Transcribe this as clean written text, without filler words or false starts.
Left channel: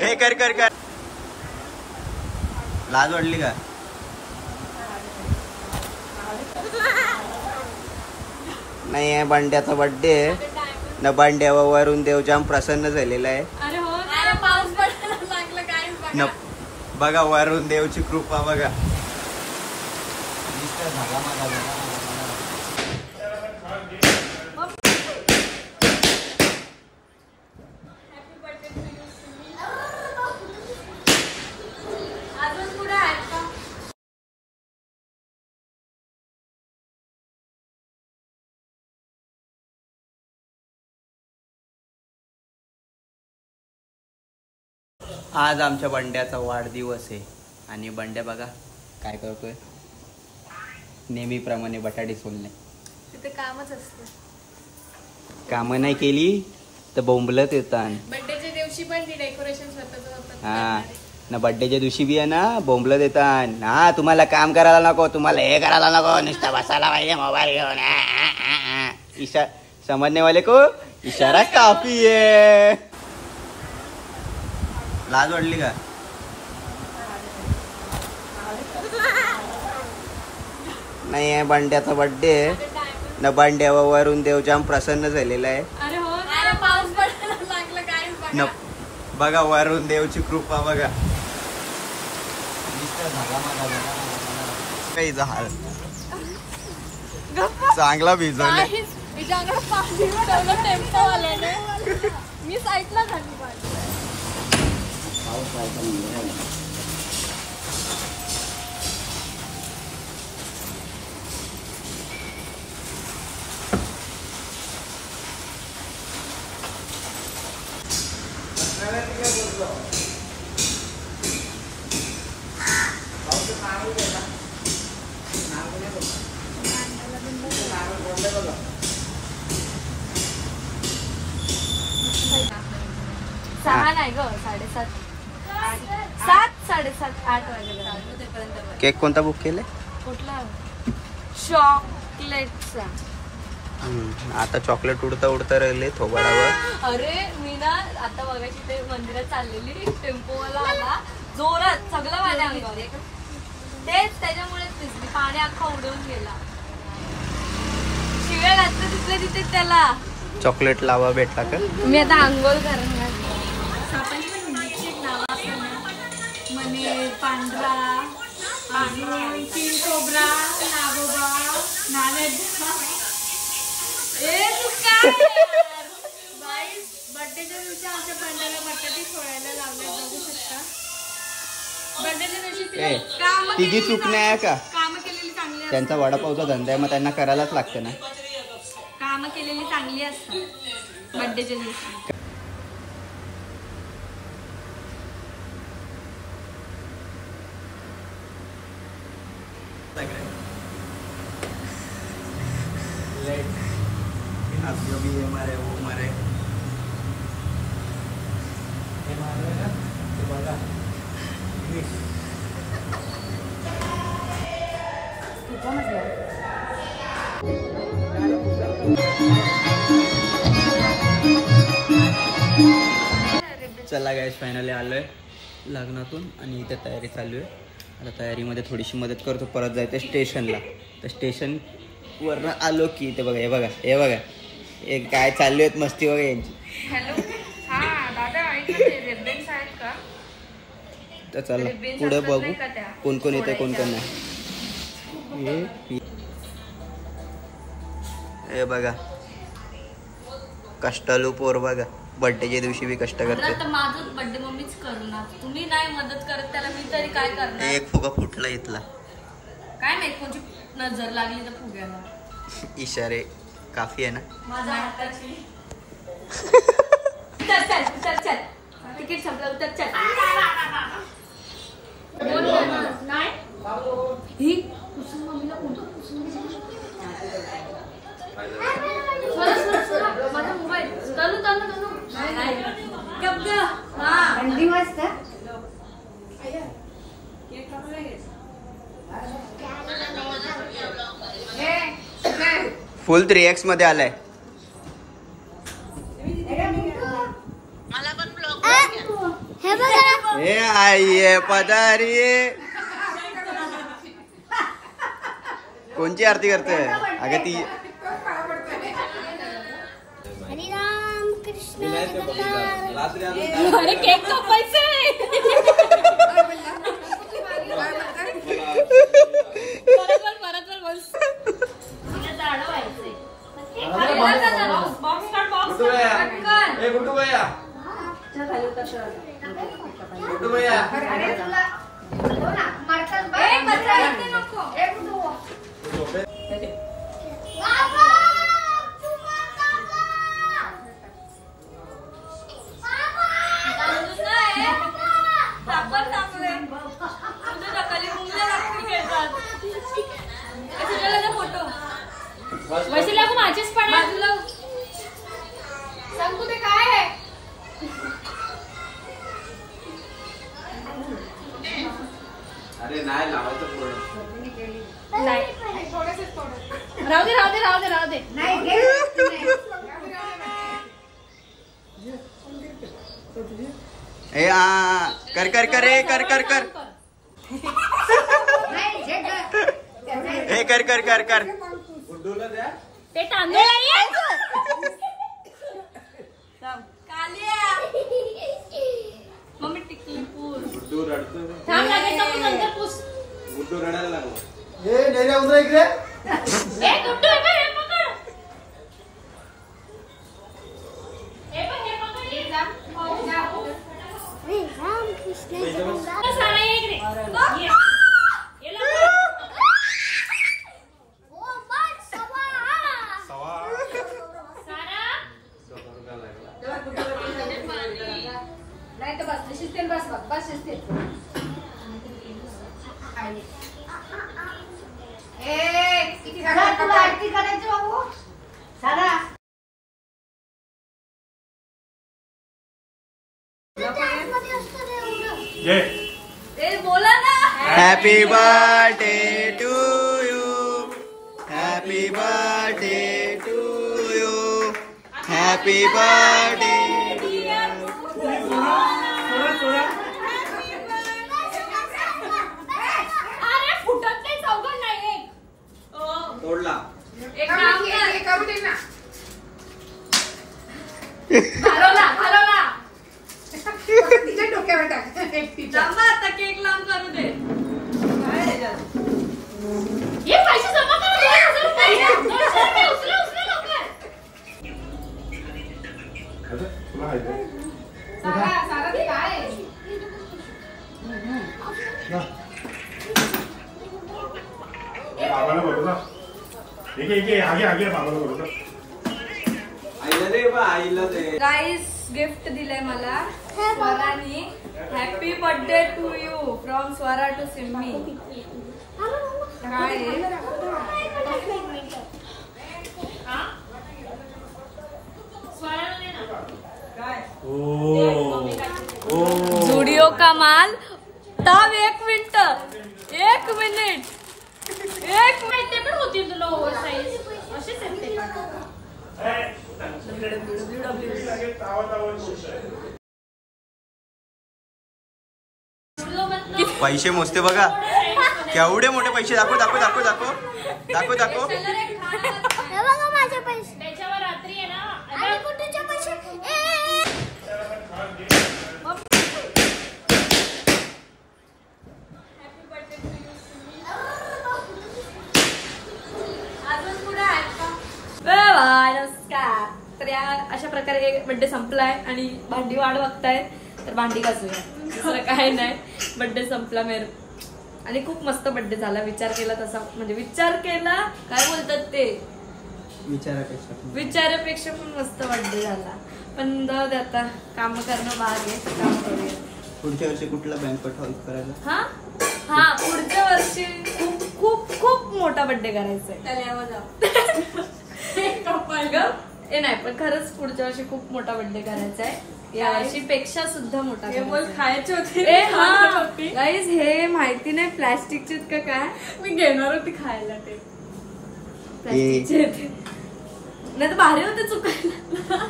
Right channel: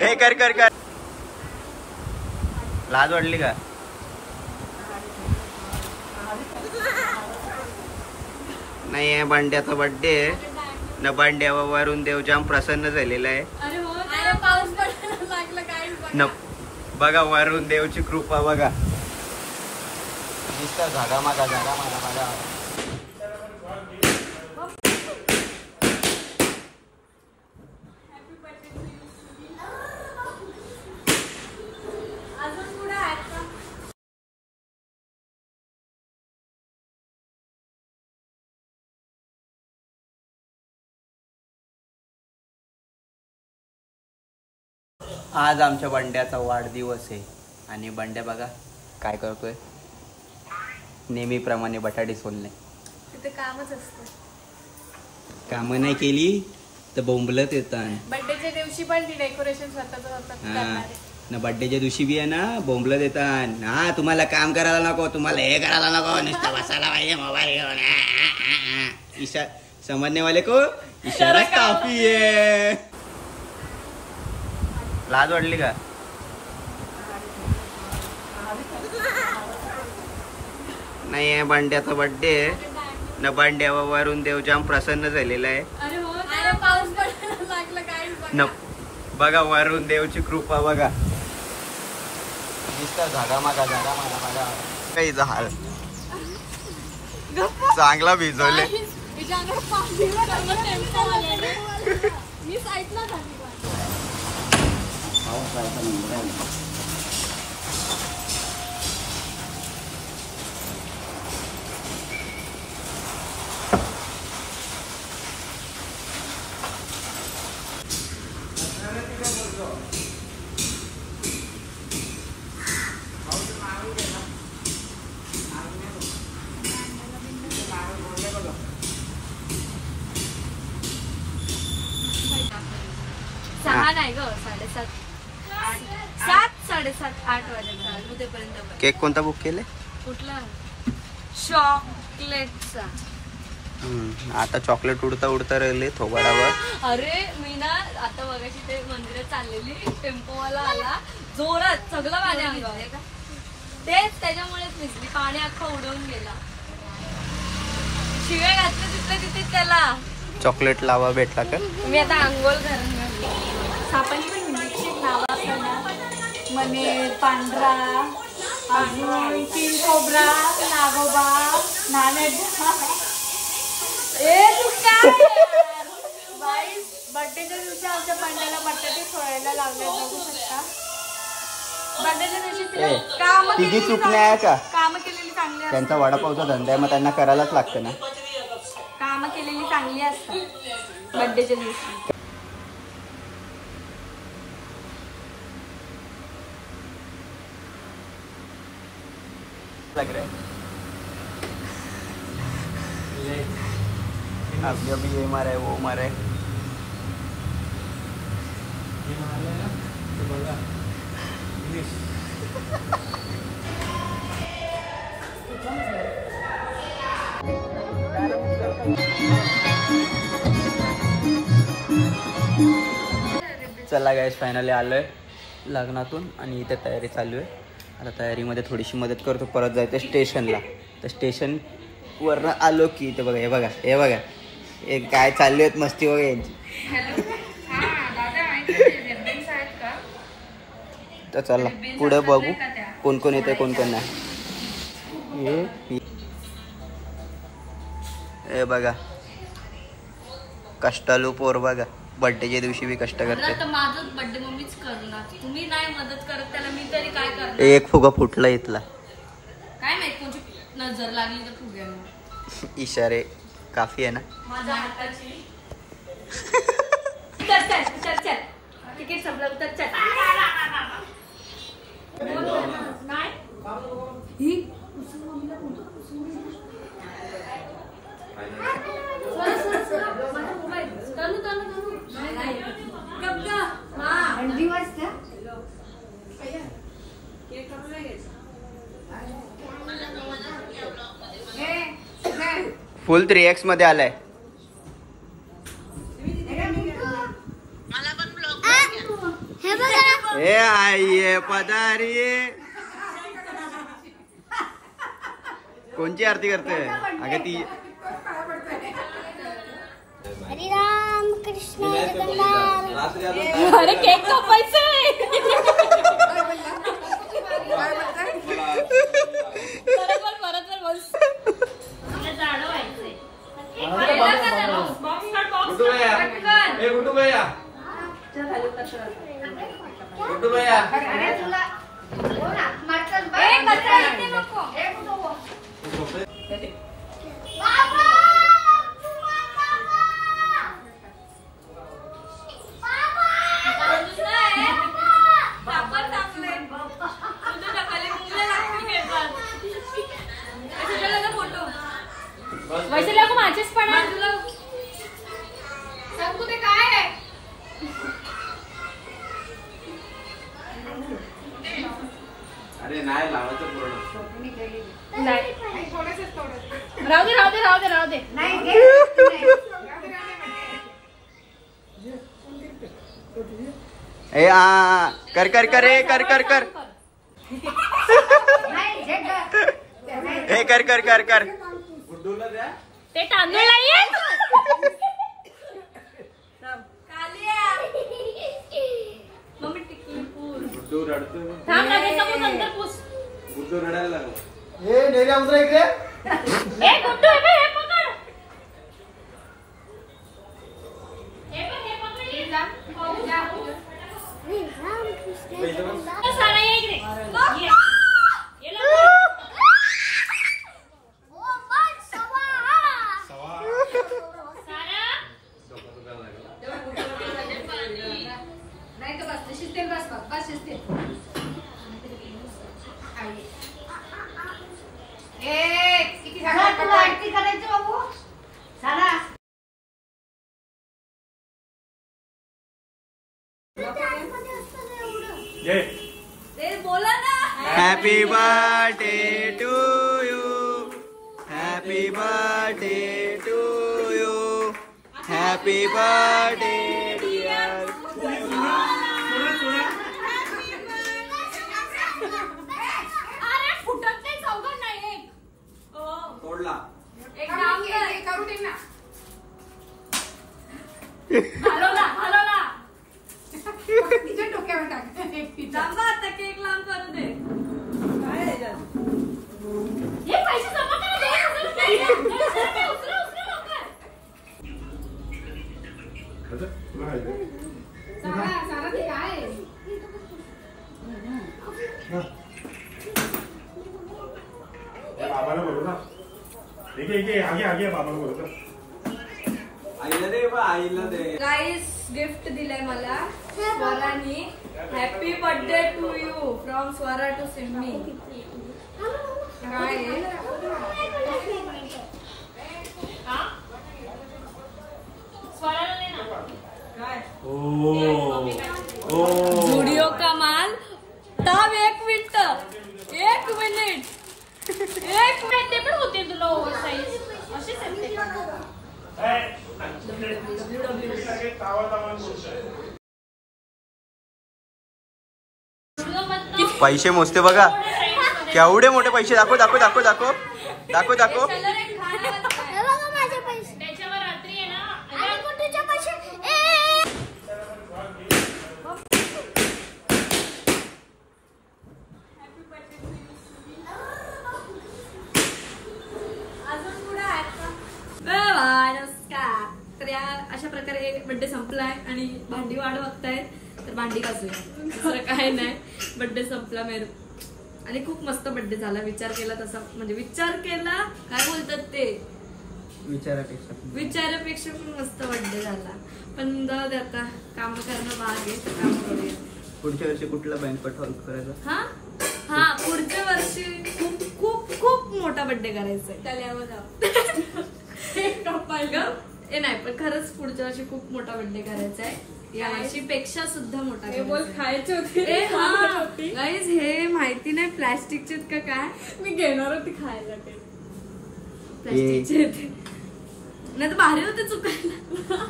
हे कर कर कर. लाज वाटली का? नाही आहे बंड्याचा बर्थडे न बंड्यावर वरून देव जाम प्रसन्न झालेला आहे. न बघा वरून देवची कृपा बघा. जागा मागा जागा मागा. आज आमच्या बंड्याचा वाढदिवस आहे आणि बंड्या बघा काय करतोय. नेहमीप्रमाणे बटाटे सोलणे. तिथे कामच असतं. कामं नाही केली तर बोंबलत येतात. बर्थडेच्या दिवशी पण ती डेकोरेशन स्वतःच. हा ना बर्थडेच्या दिवशी बी आहे ना बोंबलत येतात. हा तुम्हाला काम करायला नको, तुम्हाला हे करायला नको, नुसतं बसायला पाहिजे मोबाईल घेऊन. इशारा समजने वाले को इशारा काफी आहे. लाज वाटली का? नाही आहे बंड्याचा बर्थडे न बंड्यावर वरून देव जाम प्रसन्न झालेला आहे. न बघा वरून देवची कृपा बघा. जागा मागा जागा मागा. काही झाड चांगला भिजवले. मी साईडला झाली. सहा नाही ग 7:30 7:30 8 वाजेपर्यंत. केक कोणता बुक केले? कुठला? चॉकलेटचा. आता चॉकलेट उडता उडता राहिले थोबाडावर. अरे मी ना आता बघायची ते मंदिरात चाललेली टेम्पोवाला आला जोरात सगळं माझ्या अंगावर. तेच त्याच्यामुळेच भिजली. पाणी अख्खा उडवून गेला. शिवाय आता तिथले तिथे त्याला चॉकलेट लावा भेटला का? मी आता आंघोळ करून सापांची पण हिंदीची नावं असतात ना. मने पांढरा आणि तीन कोबरा नागोबा नानेडा. बाई बर्थडेच्या दिवशी आमच्या बंड्याला बटाटे सोडायला लागले बघू शकता. बर्थडेच्या दिवशी तिला काम केलेली चांगली. त्यांचा वडापावचा धंदा आहे मग त्यांना करायलाच लागतं ना. काम केलेली चांगली असतात बर्थडेच्या दिवशी. लग रहा है अभी ये मारे वो मारे. चला गाइस फायनली आलोय लग्नातून आणि इथे तयारी चालू आहे. आता तयारीमध्ये थोडीशी मदत करतो. परत जायचं स्टेशनला. तर स्टेशन वरनं आलो की ते बघा हे बघा हे काय चालू आहेत मस्ती बघा यांची. तर चला पुढे बघू कोण कोण येते कोण कोण नाही. हे बघा कष्टालू पोर बघा. बर्थडेच्या दिवशी बी कष्ट करते. माझं बर्थडे मम्मीच करणार. तुम्ही नाही मदत करत त्याला मी तरी काय करणार. एक फुगा फुटला इथला. काय माहित कोणची नजर लागली तर फुग्याला. इशारे काफी आहे ना. माझ्या हाताची. चल तिकीट संपलं उतर चल. नाही ही कुसुम मम्मीला फोन कर. कुसुम माझा मोबाईल चालू अंडी वाजता फुल 3x मध्ये आलाय. ए आई पदारी कोणची आरती करते अगं ती अरे केक कापायचं परत बस वैसे लागू माझेच पण सांग तू ते काय आहे अरे नाही लावायचं पूर्ण राहू दे ए कर कर कर ए कर कर कर ए कर कर कर कर ते तांदूळ मम्मी टिकली पूर गुड्डू रडायला लागला Happy birthday to you. Happy birthday to you. Happy birthday dear. अरे फुटत नाही चौघड नाही एक तोडला एक काम कर घालवला तिच्या डोक्यावर टाक जांबा आता केक लांब करू दे ये पैसे जमा कर 2000 रुपये उचला लवकर सारा ते काय बाबाला बोलू ना आगे आगे बाबाला बोलू ना गाइस गिफ्ट दिलंय मला स्वरानी happy birthday to you from Swara to Simmi काय जुडिओ का माल तब 1 मिनिट पण होती तुला ओव्हर साईज असेच पैसे मोजते बघा केवढे मोठे पैसे दाखव दाखव दाखव दाखव दाखव दाखव माझे पैसे त्याच्यावर रात्री आहे ना आणि कुठेच्या पैसे नमस्कार तर या अशा प्रकारे बर्थडे संपलाय आणि भांडी वाट बघतायत तर भांडी घासूया दुसरं काय नाही बर्थडे संपला मेर आणि खूप मस्त बर्थडे झाला विचार केला तसा म्हणजे विचार केला काय बोलतात ते विचारापेक्षा पण मस्त बर्थडे झाला पण जाऊ दे आता काम करणं भाग आहे काम करूया पुढच्या वर्षी कुठला बँकट हॉल करायचा हा पुढच्या वर्षी खूप खूप खूप मोठा बर्थडे करायचा आहे नाही पण खरंच पुढच्या वर्षी खूप मोठा बर्थडे करायचा आहे या वर्षी पेक्षा सुद्धा मोठा खायचे होते गाईज हे माहिती नाही प्लास्टिकचे का काय मी घेणार होती खायला ते प्लास्टिकचे नाही तर भारी होते चुकायला